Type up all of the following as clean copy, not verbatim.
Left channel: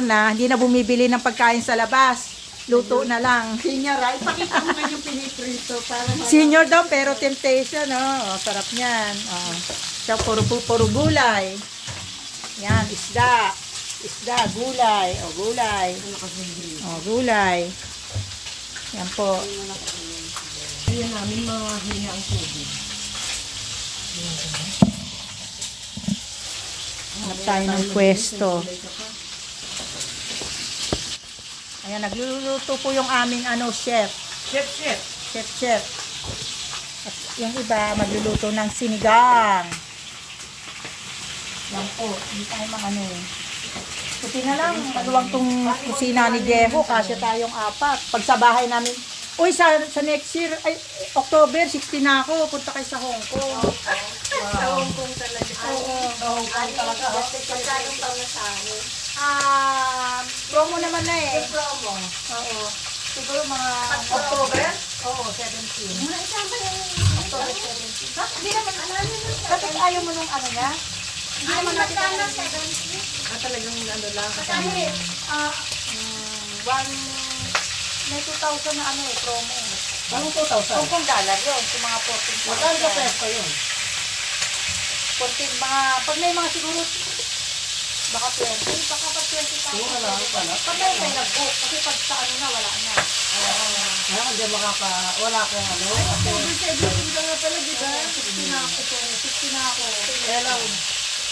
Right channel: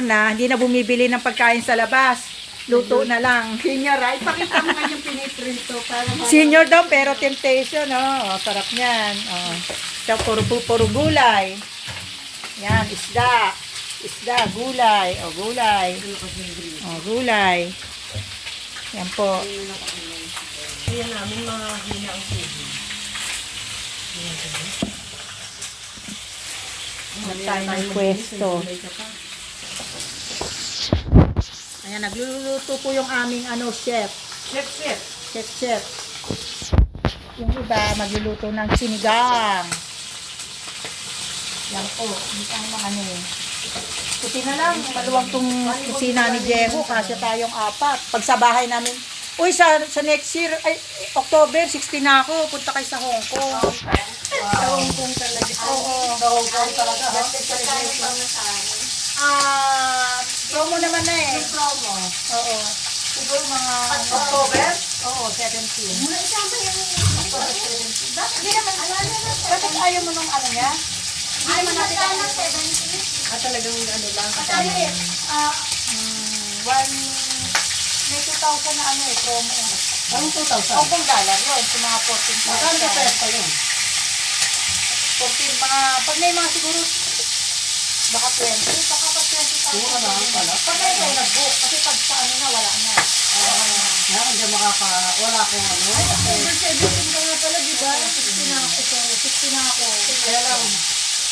na, hindi na bumibili ng pagkain sa labas. Luto na lang. Senior, ay pakita mo nga yung piniprito para Senior daw, pero temptation, oh. Sarap niyan. Oh. So, puro gulay. Yan, isda. Isda, gulay. O, gulay. O, gulay. Yan po. Kaya namin mahina ang tubig. Hanap tayo ng pwesto. Ayan, nagluluto po yung aming chef. Chef. Yung iba, magluluto ng sinigang. Yan po, hindi tayo Puti na lang, maluwag tong kusina ni Jeho kasi tayong 4. Pag sa bahay namin, uy, sa next year, ay, October, 16 na ako, punta kayo sa Hong Kong. Sa Hong Kong talaga. Oo. Sa Hong Kong talaga. Promo naman na eh. Yung promo. Oo. Siguro mga October? Oo, 17. Muna isama yung October 17. Hindi naman, bakit ayaw mo nung niya? Hindi naman natin talagang lang. May 2,000 na promo. Ang 2,000? Hong Kong dollar yun, sa mga 14 Magkano sa peso yun? 14, pag may mga siguro, baka 20, baka pa 20,000. Oo, wala pala. Pag may nag-book, kasi pag sa na, wala na. Kaya hindi wala akong Ay, October 17 ka nga pala, di ba? 16 na ako, 16 na ako. Kaya lang.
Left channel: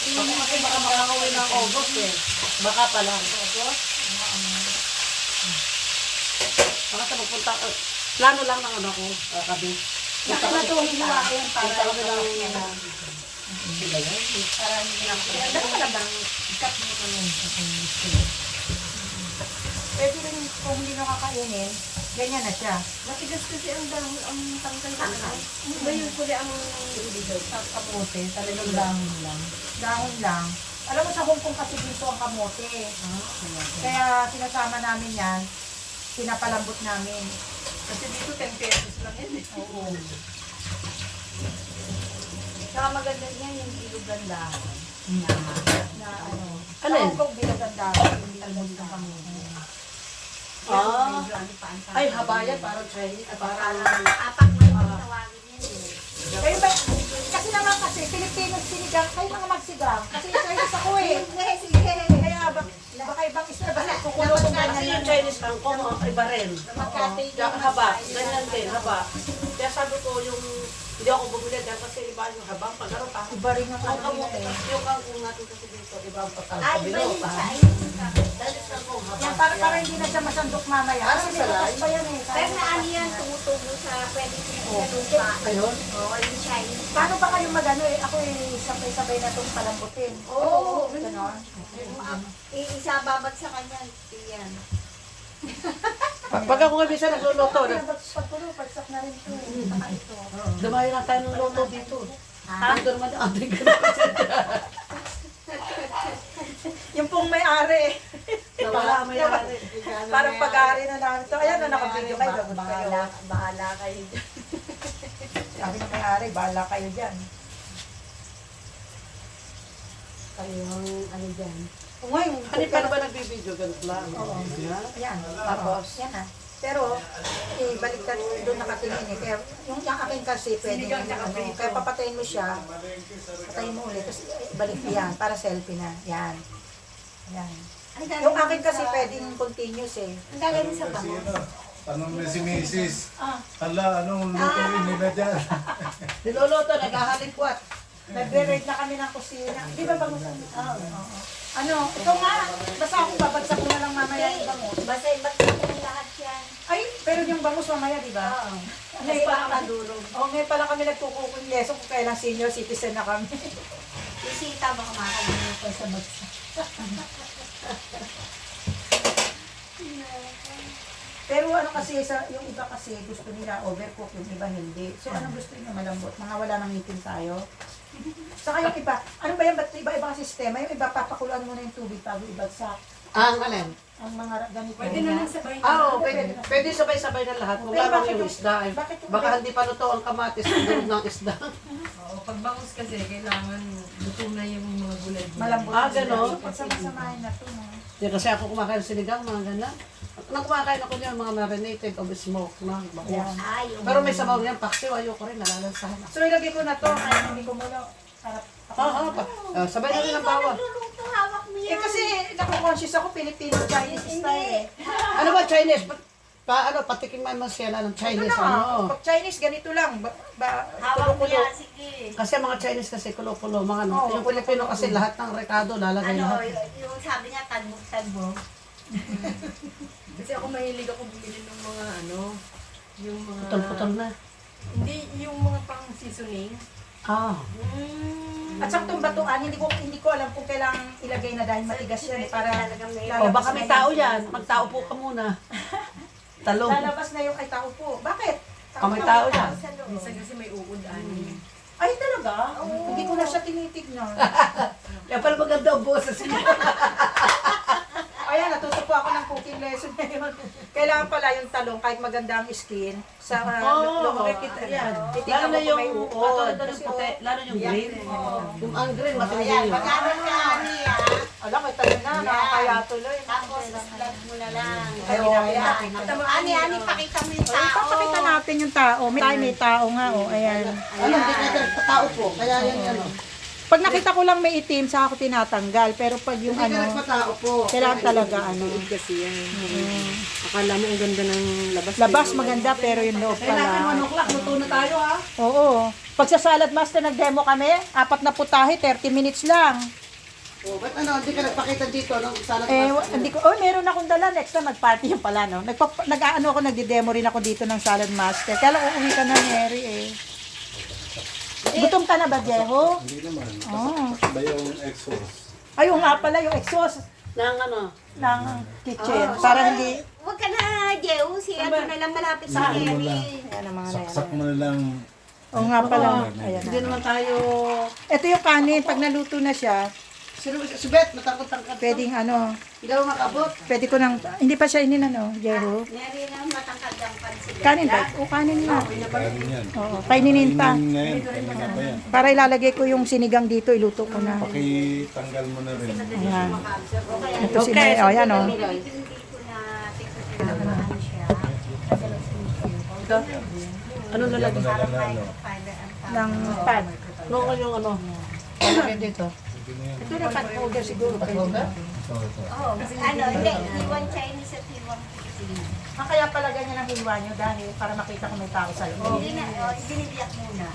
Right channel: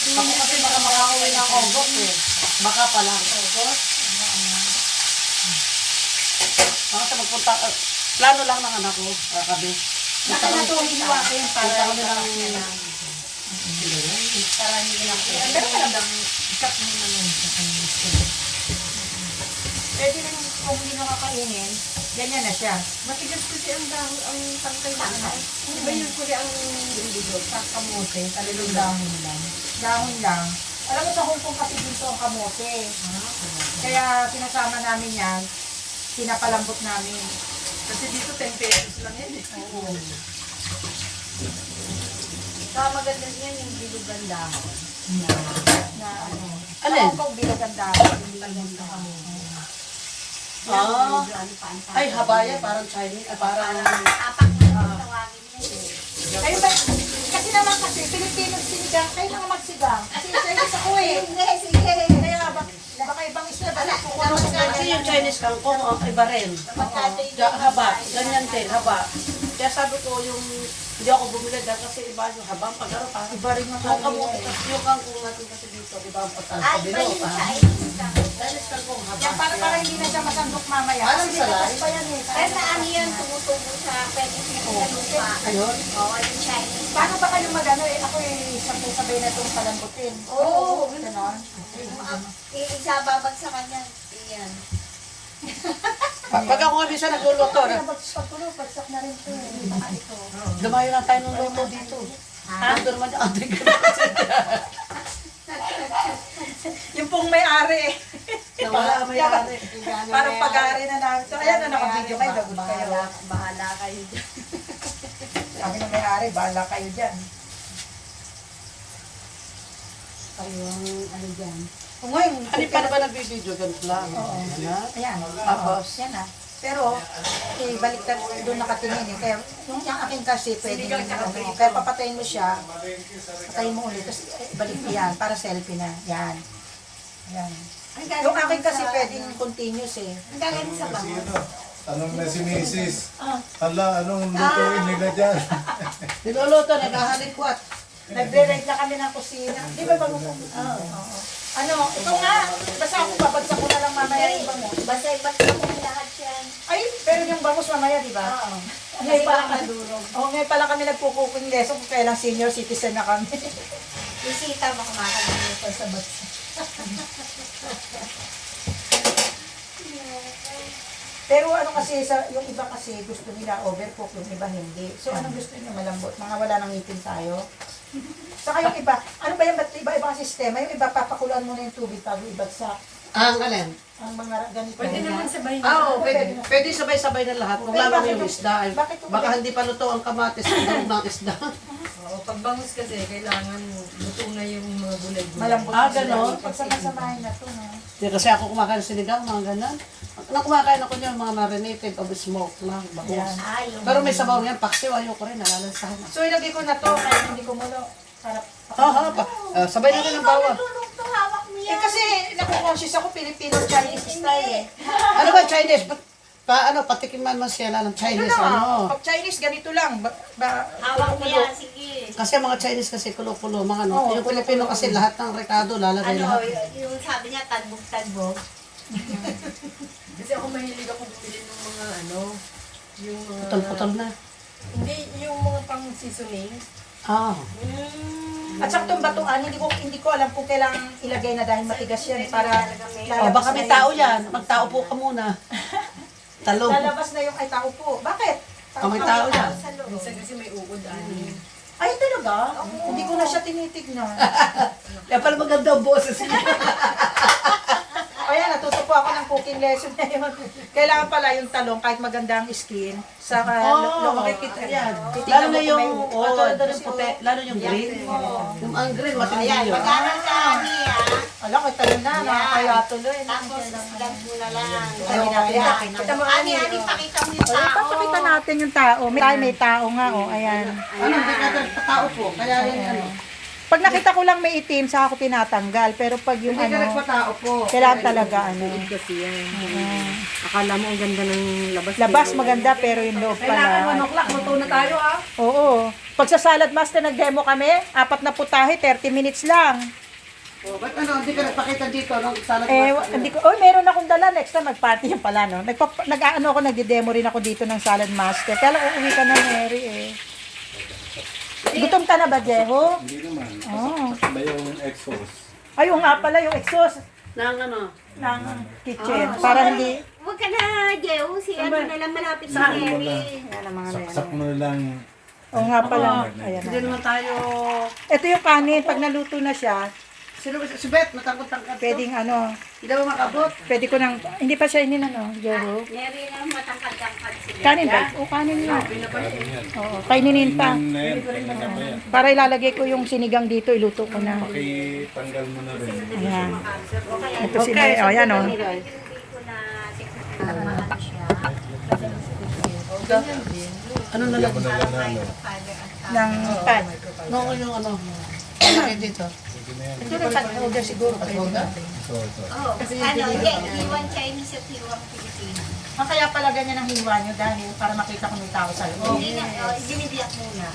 Ako kasi baka makakauwi ng August eh. Baka pa lang. August? Baka sa magpunta, plano lang ng anak ko, kabi. Baka na ito, hiniwain. Punta kami ng... Para hindi na ako. Pero malamang ikat mo naman. Pwede rin kung hindi nyo kakainin, ganyan na siya. Matigas kasi ang tangkay ko na. Ngayon ko ang bilog, kamote, talagang dahon lang. Dahon lang. Alam mo sa Hong Kong kasi dito ang kamote. Kaya sinasama namin yan, pinapalambot namin. Kasi dito 10 pesos lang yan eh. Oo. Saka maganda niyan yung bilugan dahon. Na ano. Sa Alin? Hong Kong bilagan dahon. Hindi bilagan dahon. Ay, habaya, parang Chinese, parang... Kayo ba? Kasi naman kasi, Pilipino sinigang, kayo mga magsigang. Kasi Chinese ako eh. Kaya baka ibang isla, baka kukuha ko Kasi yung Chinese kangkong, iba rin. Haba, ganyan din, haba. Kaya sabi ko yung, hindi ako bumili dahil kasi iba yung habang pag-araw pa. Iba rin yung Kamote, eh. yung kangkong natin kasi dito, iba ang patas, kabilo, Chinese kangkong, haba. Yan, para hindi na siya masandok mamaya. Parang Kasi salay. bukas pa yan eh. Pero ano yan, tumutubo sa pwede sa lupa. Ayun. Oo, yung Chinese. Paano ba kayo magano eh? Ako eh, sabay-sabay na itong palambutin. Oo. Ganon. Isa babagsakan yan. Yan. Pag ako nga minsan nagluluto, Pagsak na rin ito eh. Baka ito. dumayo na tayo ng luto dito. Ando naman yung ating Yung pong may-ari. Nawala may-ari. Parang pag-ari na namin. So, ayan na naka-video kayo. Lagot kayo. Bahala kayo dyan. Sabi ng may-ari, bahala kayo dyan. Yung ano dyan. Kung ngayon, Ano pa na ba nagbibideo? Ganito lang. ayan. Tapos? Yan ah. Pero, baliktad doon nakatingin eh. Kaya, yung akin kasi, pwede kaya papatayin mo siya, patayin mo ulit, tapos balik mo yan, para selfie na. Yan. Yan. Yung akin kasi pwedeng continuous eh. Ang galing sa bango. Anong na si Mrs. Hala, anong lutuin nila dyan? Niluluto, naghahalikwat. Nagre-rate na kami ng kusina. Di ba bangus? Oo. Ano, ito nga, basta ako babagsak ko na lang mamaya yung bangus. Basta ipagsakin lahat yan. Ay, pero yung bangus mamaya, di ba? Oo. Ngayon pala kami, ngayon pala kami nagkukuking lesson kung kailang senior citizen na kami. Yung sita ba kumakalimutan sa bagsa? Pero ano kasi, yung iba kasi gusto nila overcook, yung iba hindi. So anong gusto nyo malambot? Mga wala nang ngipin tayo. Saka yung iba, ano ba yan? Ba't iba-iba ang sistema? Yung iba, papakulan mo na yung tubig bago ibagsak. Ang alin? Ang mga ganito. Pwede naman sabay Oo, pwede sabay-sabay na lahat. Kung Pero lamang bakit yung yung- isda ay bakit yung- baka hindi pa luto ang kamatis ang durog ng isda. Oo, pag bangus kasi, kailangan luto na yung mga gulay-gulay. Malambot. Ah, ganon? Pagsamasamahin na to, no? Hindi kasi ako kumakain ng sinigang, mga ganun. Nang kumakain ako niyan, mga marinated of smoke na bangus. Yan. Pero may sabaw niyan, paksiw, ayoko rin, nalalansahan ako. So ilagay ko na to, kaya hindi ko muna para Sabay na rin ang bawang. Luluto, hawak mo eh yan. kasi naku-conscious ako Filipino Chinese style eh. Ano ba Chinese? Patikiman mo siya ng Chinese, ano? Pag Chinese ganito lang, Hawak mo kulo-kulo. yan, sige. Kasi mga Chinese kasi kulo-kulo, mga ano. Oo, Yung Pilipino kasi lahat ng rekado lalagay Ano, lahat. yung sabi niya, tagbog-tagbog. Kasi ako mahilig ako bumili ng mga ano, yung mga... Putol-putol na. Hindi, yung mga pang seasoning. Ah. At sa itong batuan, hindi ko alam kung kailangan ilagay na dahil matigas yan para O baka may tao yan. Magtao po ka muna. Talong. Lalabas na yung ay tao po. Bakit? May tao yan. Minsan kasi may uod, ani. Ay talaga? Hindi ko na siya tinitignan. Kaya pala maganda ang boses niya. O yan, natuto po ako ng cooking lesson na yun. Kailangan pala yung talong, kahit maganda ang skin, sa Yan. titignan Lalo mo na kung may yung, uod. ito rin puti, lalo yung green. Yung ang green, matindi Ayan, yun. pag-aral ka, Ani, ah. Alam ko, tayo na, nakakaya tuloy. Tapos, lang mo na lang. Ani, Ani, pakita mo yung tao. Ipapakita natin yung tao. May tao nga, oh, ayan. Ano, hindi ka tao po. Kaya yun ano. Pag nakita ko lang may itim, saka ako tinatanggal. Pero pag yung Hindi ka ano, nagpatao po. kailangan talaga ano. Kasi yan. Akala mo ang ganda ng labas. Labas maganda pero yung loob Kailangan 1 pala. o'clock, luto na tayo ha. Oo. Pag sa Salad Master nag-demo kami, 4 na putahe, 30 minutes lang. O, ba't ano, hindi ka nagpakita dito ng salad master? Hindi ko, meron akong dala. Next time, mag-party yan pala, no? Nag-ano ako, nagdi-demo rin ako dito ng Salad Master. Kaya lang uuwi ka na, Mary, eh. Gutom ka na ba, Jeho? Hindi naman. Oh. Ba yung exhaust? Ayun nga pala, yung exhaust Ng ano? ng kitchen. Para hindi... Huwag ka na, Jeo. Si ano na lang malapit sa Ano mo Mary. lang. Ano mga Saksak mo na lang. Oo nga pala. Ayan Hindi na. naman tayo... Ito yung kanin. Pag naluto na siya, Si Beth, matangkot-tangkot. pwedeng ano, Hindi mo makabot. pwede ko nang... Hindi pa siya ininano, Jeho. Mary na matangkad-tangkad sila. Kanin ba? O, kanin nga. Kanin yan. Oo, kainin pa. Kainin na yan. Kainin na ba yan? Para ilalagay ko yung sinigang dito, iluto ko na. Pakitanggal mo na rin. Ayan. Ito si Mary. O, ayan o. Hindi ko na tingnan na ano siya. Ano na Bigyan mo na lang na ano. Ng pad. Oo, yung ano. Ano dito? Pwede na yan. Ito rin pad holder siguro. Ito, ito. Oh, ano, hindi. Iwan Chinese at iwan Filipino. Ang kaya pala ganyan ang hiwa nyo dahil para makita ko ng tao sa loob. Hindi na, dinidiyak muna.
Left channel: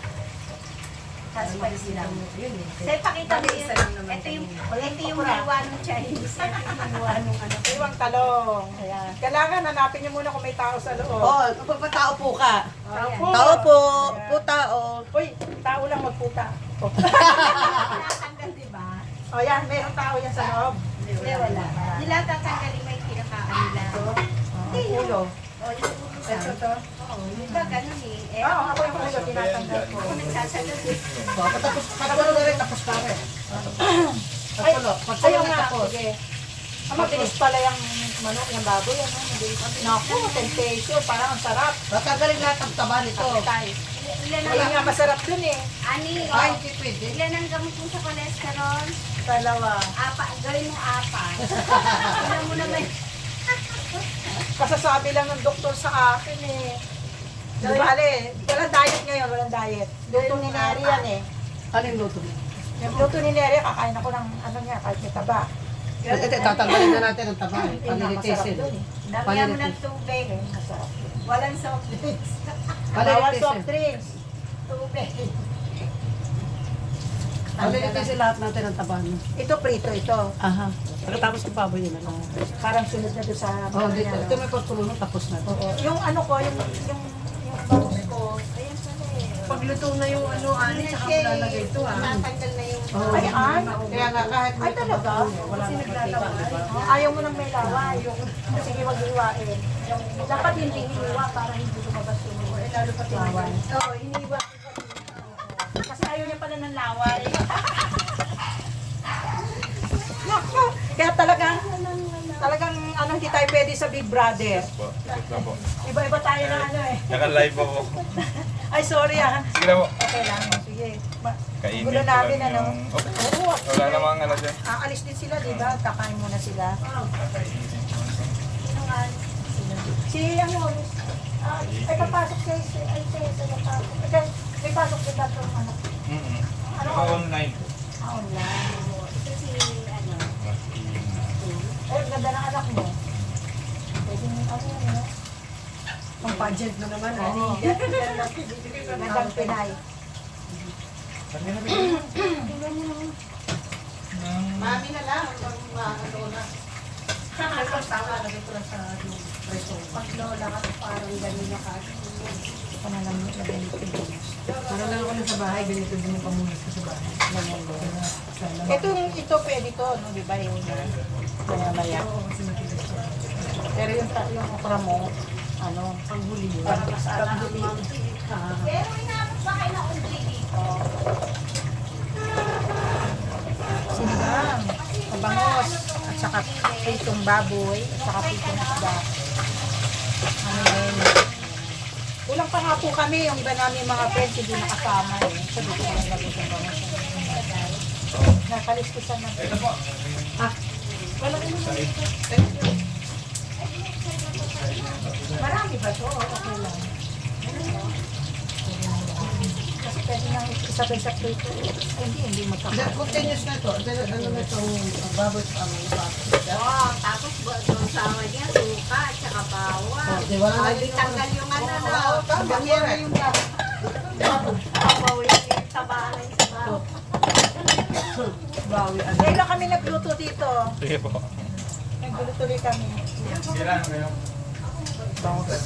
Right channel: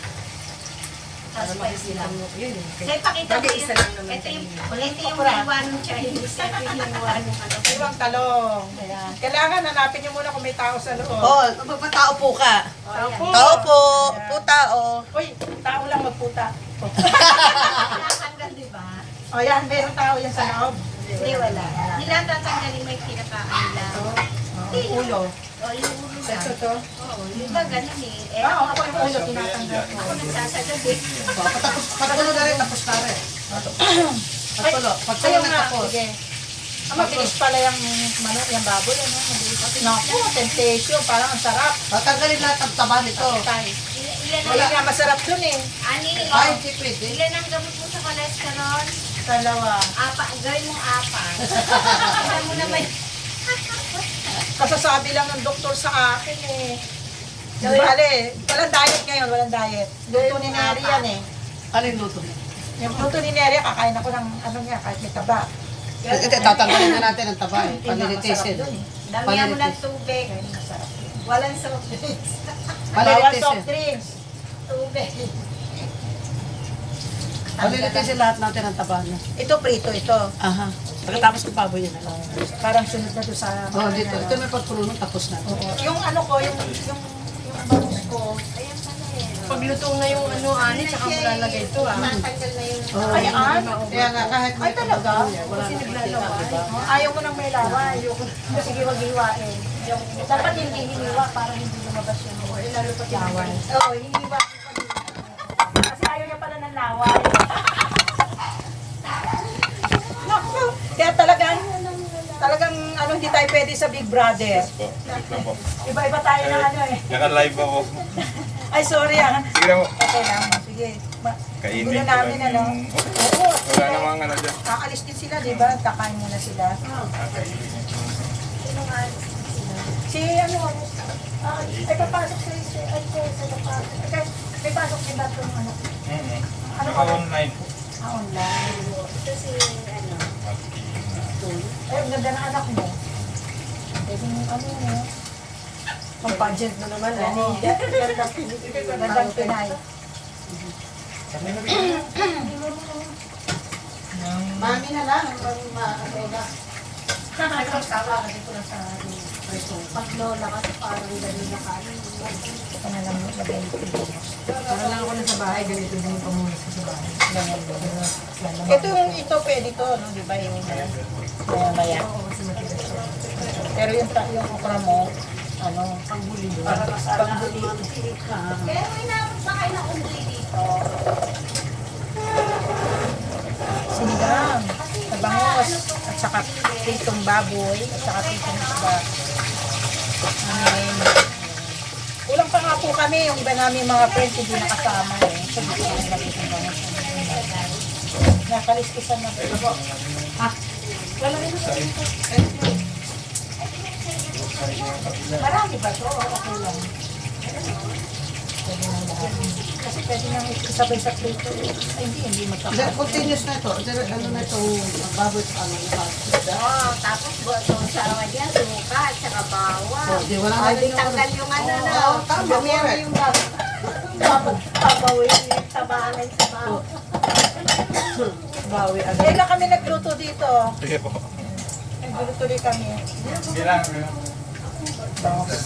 Tapos pa sila mo. So, ipakita mo yun. Ito yung hiwa ng Chinese. Ito yung hiwa ng ano. Iwang talong. Ayan. Kailangan hanapin nyo muna kung may tao sa loob. Oo, magpatao po ka. Tao po. Tao po. Po tao. Uy, tao lang magputa. Tinatanggal, di ba? O yan, mayroong tao yan sa loob. Hindi, wala. Nila tatanggalin may kinakaan nila. Ulo. O, yung ulo lang. Ito. Oo, yung ba ganun eh. Eh, Oo, ako yung ulo, tinatanggal ko. ako nagsasagad eh. Patulo na rin, tapos na rin. Patulo. Patulo Ayaw na nga. tapos. Sige. Ang mabilis pala yung manok, yung baboy, ano? Mabilis. Naku, temptation, parang ang sarap. Tatanggalin lahat ang taba nito. Ilan Wala ang, nga masarap dun eh. ani, Ay, hindi pwede. ilan ang gamot mo sa cholesterol? Dalawa. Gawin mong apat. Ilan mo naman. Kasasabi lang ng doktor sa akin eh. Bale, walang diet ngayon, walang diet. Luto ni Neri yan eh. Ano yung luto niya? Yung luto ni Neri, kakain ako ng ano niya, kahit may taba. Hindi, tatanggalin na natin ang taba eh. Yun nga, masarap Panilitisin. dun eh. Damihan mo ng tubig. Kaya masarap. Walang soft drinks. Bawal Panilitisin. soft drinks. Tubig. Panilitisin lahat natin ang taba niya. Ito prito, ito. Aha. Pagkatapos ng baboy yun. Parang sunod na doon sa... Oh, dito. Ito may pagpulo tapos na. Yung ano ko, yung bangus ko. Ayan pala eh. Pagluto na yung ano, ani, tsaka mo lalagay ito ah. Tatanggal na yung... Ay, Kaya nga kahit Ay, talaga? wala na makikita, di ba? Oh, ayaw mo nang may laway. Sige, wag hiwain. Dapat hindi hiniwa para hindi lumabas yung laway. Oo, hiniwa. Kasi ayaw niya pala ng laway. Naku, kaya talagang ano, hindi tayo pwede sa Big Brother. Iba-iba tayo ng ano eh. Naka-live ako. Ay, sorry ah. Sige na mo. Okay lang, oh, sige. Kainin Gulo ko namin, lang ano? yung... Okay. Oo. Wala namang ano dyan. Aalis din sila, di ba? Kakain muna sila. Kainin ko. Si ano, ay papasok sa isa, ay sa papasok. Okay, may pasok din ba itong anak? Ano Saka online. Online. Ito si, ano, Ay, ang ganda ng anak mo. Pwede mo, ano, Ang pageant mo naman, Oo. Gandang Pinay. Mami na lang, ang ano na. Ano, tawa ka dito sa restaurant. pag lola kasi parang gano'n na kanin. Ito na lang yung lagay ko dito. Para lang ako na sa bahay, ganito din yung pamungas ko sa bahay. Ganyan din. Ito yung ito pwede to, no? Di ba yung maya-maya. Oo, kasi matigas siya. Pero yung okra mo, ano, Panghuli yun. panghuli. Pero inabot ba kayo na undli dito? Sinigang, tabangos, at saka pritong baboy, at saka pritong isda. Amin. Kulang pa nga po kami, yung iba namin mga friends hindi nakasama eh. So, dito kami nag-itong bangos. Nakaliskisan ng ito. Ah, wala rin mo. Marami ba ito? Okay lang. Pwede nang lahat. Kasi pwede nang isabay sa prito. Ay, hindi magkakaroon. Continuous na ito. Ano na itong baboy sa ano na Oo, tapos buong sawa niya, suka, at saka bawang. Di wala na rin yung... Tanggal yung ano na. Oo, tama, meron. Babawin yung tabangan sa bawang. Bawi agad. Kailan kami nagluto dito? Sige po. Nagluto ulit kami. Bilang, bilang. Bangos.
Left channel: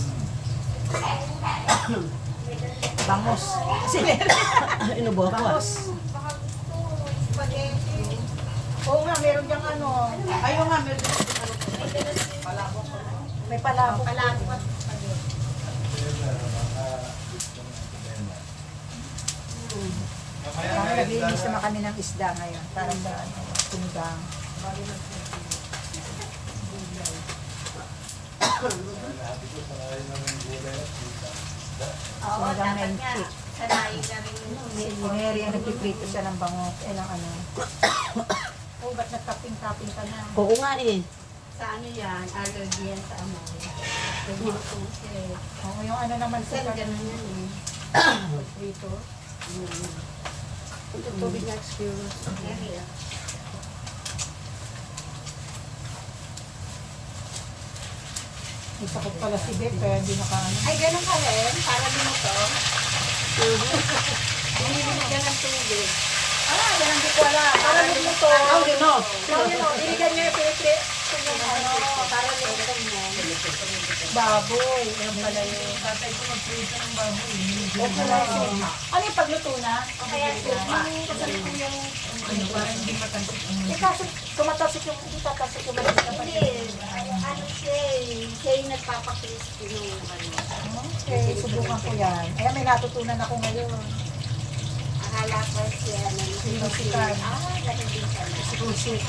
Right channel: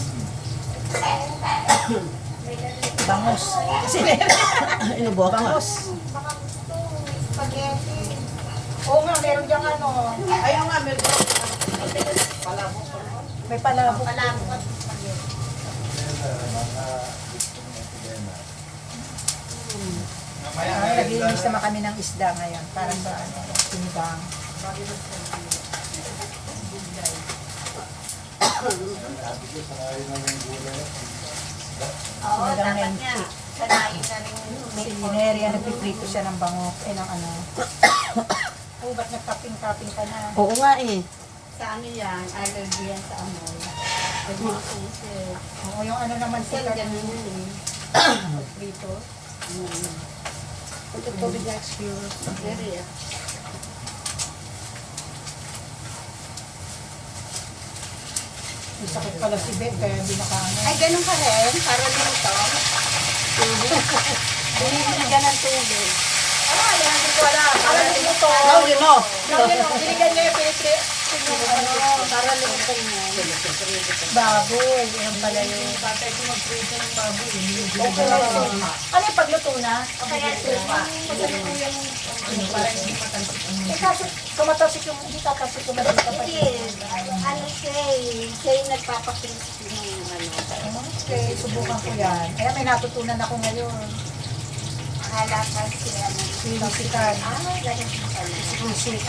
Bangos. Sinere. Ano ba? Bangos. Spaghetti. Oo nga, meron diyang ano. Ayun nga, meron. May palabok. Palangkot. Spaghetti. Naglinis naman kami ng isda ngayon para sa ano, sinigang. Oo, Sinigang na dapat yung niya. chick. Sanayin na rin Si Neri, nagpiprito siya ng bango. Ay, ng ano. Oh, ba't nagkaping-kaping ka na? Oo nga eh. sa ano yan, allergy yan sa amoy. Nag-uusip. Oo, yung ano naman sila. Ganun yun. Prito. Ito tubig nga experience. Very, May sakit pala si Beth, kaya hindi nakaano. Ay, ganun ka rin. Para dito. Binibigyan ng tubig. Ah, yan, hindi ko alam. Para luto. Oh, you know. Binigyan niya yung pinipri. Ano, Para luto mo. baboy. Yan pala yung tatay ko nagprito ng baboy. Okay lang yun. Ano yung pagluto na? O kaya supa. Eh, kasi tumatasik yung, hindi tatasik yung mabit na Hindi. Ano siya eh. Siya yung nagpapakrispy niya yung ano. Okay, subukan ko yan. Kaya may natutunan ako ngayon. Akala pa siya na Sinusikan. ganun din pala. Sinusik.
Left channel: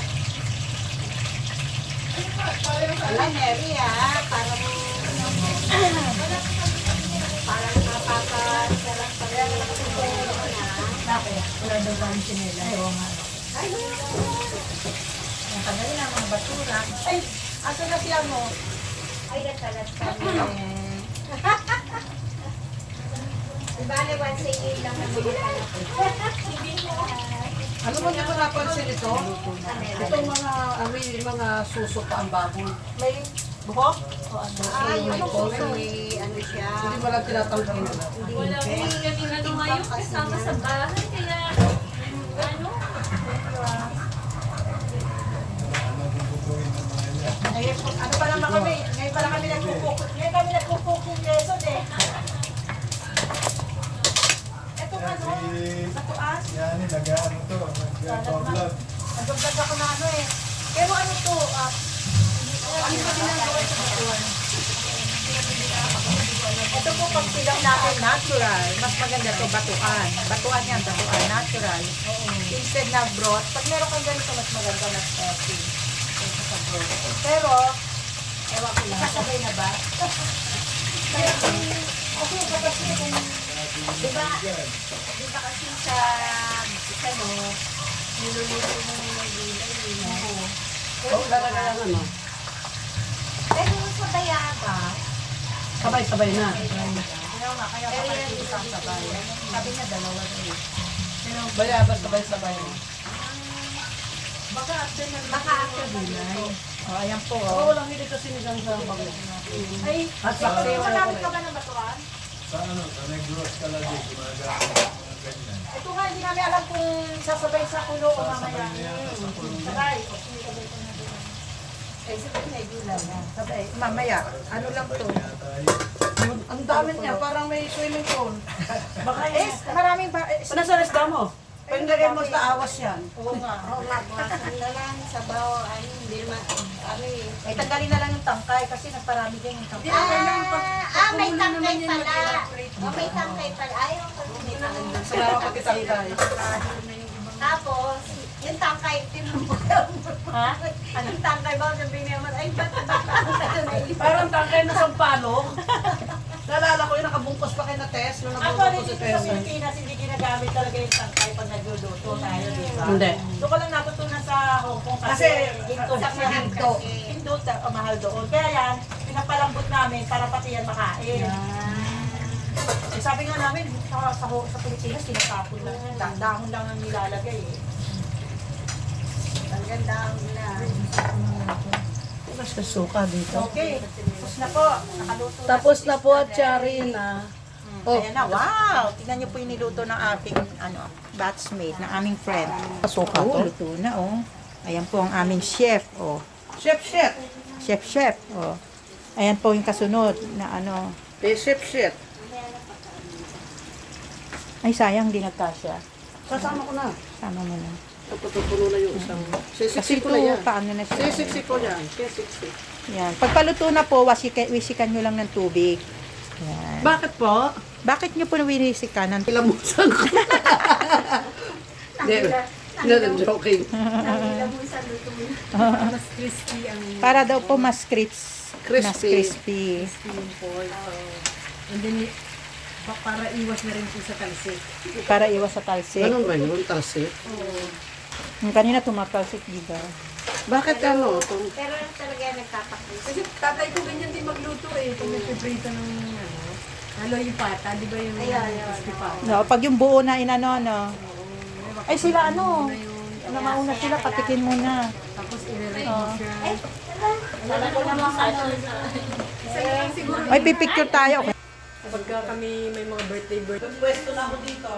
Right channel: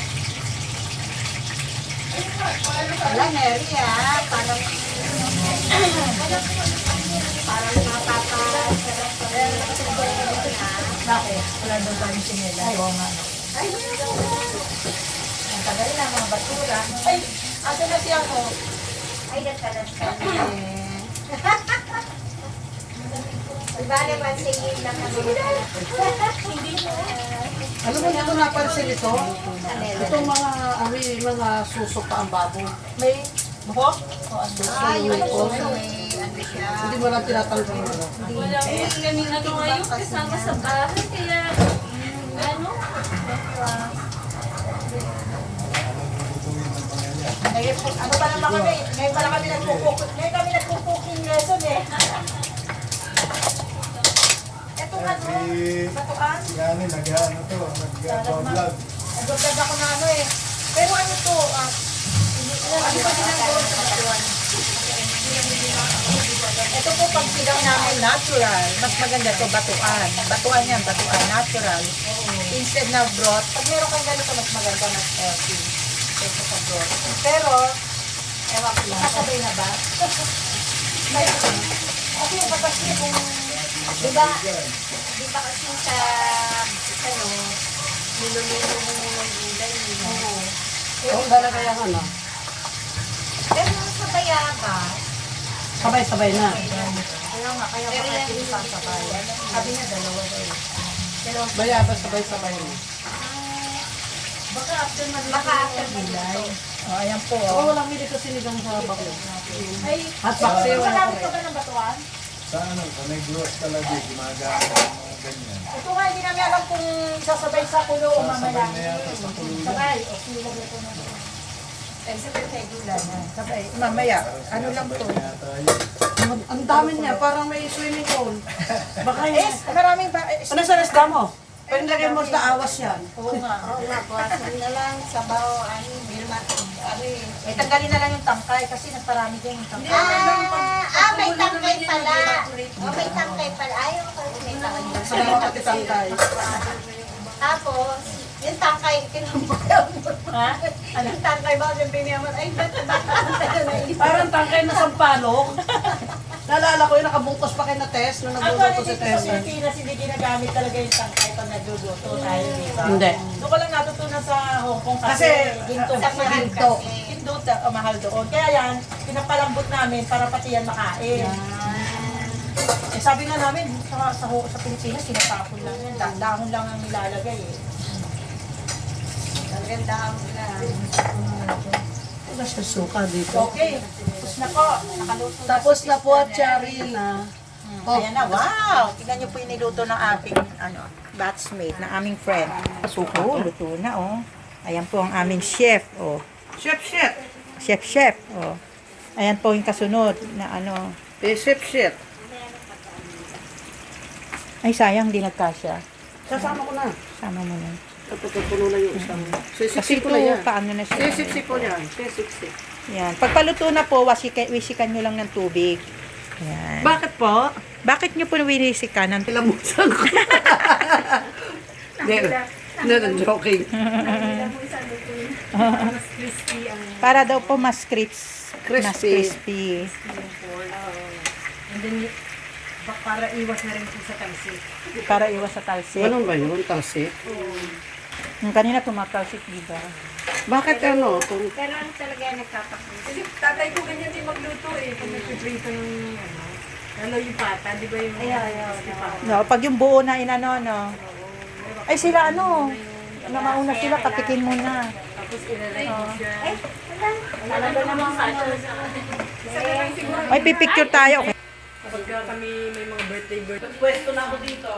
Wala, Mary ah. Parang Bakit? Wala daw ba yung sinila? Ay, oo nga. Ang tagal na mga basura. Ay, asa na siyang mo? ay nagkalat ka na. Diba naman singin lang naman hindi mo. Ano ba hindi ko napansin ito? Itong mga suso pa ang baboy. May buhok? O ano? Ay, yung puso may ano siya. Hindi mo lang tinatanggal nila. Wala ko kami ano ngayon kasama sa bahay kaya ano Ngayon po, ano pa naman kami? Ngayon pa lang kami nagpo-cooking lesson eh. Ito ano? Batuan? Yan, nag-ano to, nag-vlog. Nagdagdag ako na ano eh. Pero ano to? Ano ba ginagawa sa batuan? Ito po pag silang namin natural. Mas maganda to batuan. Batuan yan, batuan. Natural. Instead na broth. Pag meron kang ganito, mas maganda, mas healthy. Kaysa sa broth. Pero, ewan ko lang. Kasabay na ba? Kasi kapag kung Diba kasi sa ano, niluluto mo ng gulay. Oo, talaga yung ano. Pero sa Tayaba, Sabay-sabay na. Kaya nga, kaya pero baka yan hindi pang sabay. Sabi niya, dalawa na eh. Bayabas sabay-sabay na. baka after gulay. O, ayan po. Oo, Oh. walang hindi to sinigang sa bago. Ay, At paksiw. magamit ka ba ng batuan? Sa ano, sa negluwas talaga, gumagamit ng mga ganyan. Ito nga, hindi namin alam kung sasabay sa kulo o mamaya. Sasabay na yata sa kulungan. Sabay. O, silagay ko na. Ay, sabay na Wala na. Sabay. Mamaya. Ano lang to? Yata yun. Ang dami niya, parang may swimming pool. Baka Eh, yun. maraming ba? Ano sa resta mo? Pwede lagay mo sa awas yan. Oo nga. Oo nga, buwasan na lang, sabaw, ano, hindi naman, ano eh. Eh, tanggalin na lang yung tangkay kasi nagparami din yung tangkay. May tangkay pala. Oh, may tangkay pala. Ayaw ko, may tangkay. Sabaw pati tangkay. Tapos, yung tangkay, tinumbayan mo. Ha? Yung tangkay ba, sabi niya man, ay, bata-bata na Parang tangkay na sampalok. Naalala ko yung nakabungkos pa kay na Tess, nung Ako, nagbubungkos si dito sa Tess. Pilipinas, hindi ginagamit talaga yung tangkay pag nagluluto tayo, di ba? Hindi. Doon ko lang natutunan sa Hong Kong kasi, Kasi, ginto sa sa mahal ginto. kasi. Ginto mahal doon. Kaya yan, pinapalambot namin para pati yan makain. Eh, sabi nga namin, sa Pilipinas, tinatapon lang yan. Dahon lang ang nilalagay eh. Talagang daon na. Basta suka dito. Okay, tapos na po. Nakaluto Tapos na po at Cheryl na. Ayan na, wow! Tignan niyo po yung niluto ng aking batchmate, ng aming friend. Suko, luto na, oh. Ayan po ang aming chef, oh. Chef. Chef, oh. Ayan po yung kasunod na ano. Chef. Ay, sayang, di nagkasya. Sasama ko na. Sama mo na. Puno lang yung isang. Kasi ito, paano na siya. Sisiksi ko yan. Sisiksi. Yan. Pagpaluto na po, wisikan nyo lang ng tubig. Yan. Bakit po? Bakit nyo po winisikan ng Pilamusan ko. Hindi, joking. Mas crispy ang Para daw po mas crispy. Mas Crispy. crispy. yung pork. And then, para iwas na rin po sa talsik. Para iwas sa talsik. Ganun ba yun? Talsik? Yung kanina tumatalsik, di ba? Bakit ano? Pero ano talaga yan nagpapakita? Kasi tatay ko ganyan din magluto eh. Pag nagpiprito ng ano, lalo yung pata, di ba yung crispy pata? No, pag yung buo na inano, no. Ay sila ano, mauna sila, katikin mo na. Tapos ilalagay Oo. mo siya. Ay, pipicture tayo. Pagka kami may mga birthday. Pwesto na ako dito.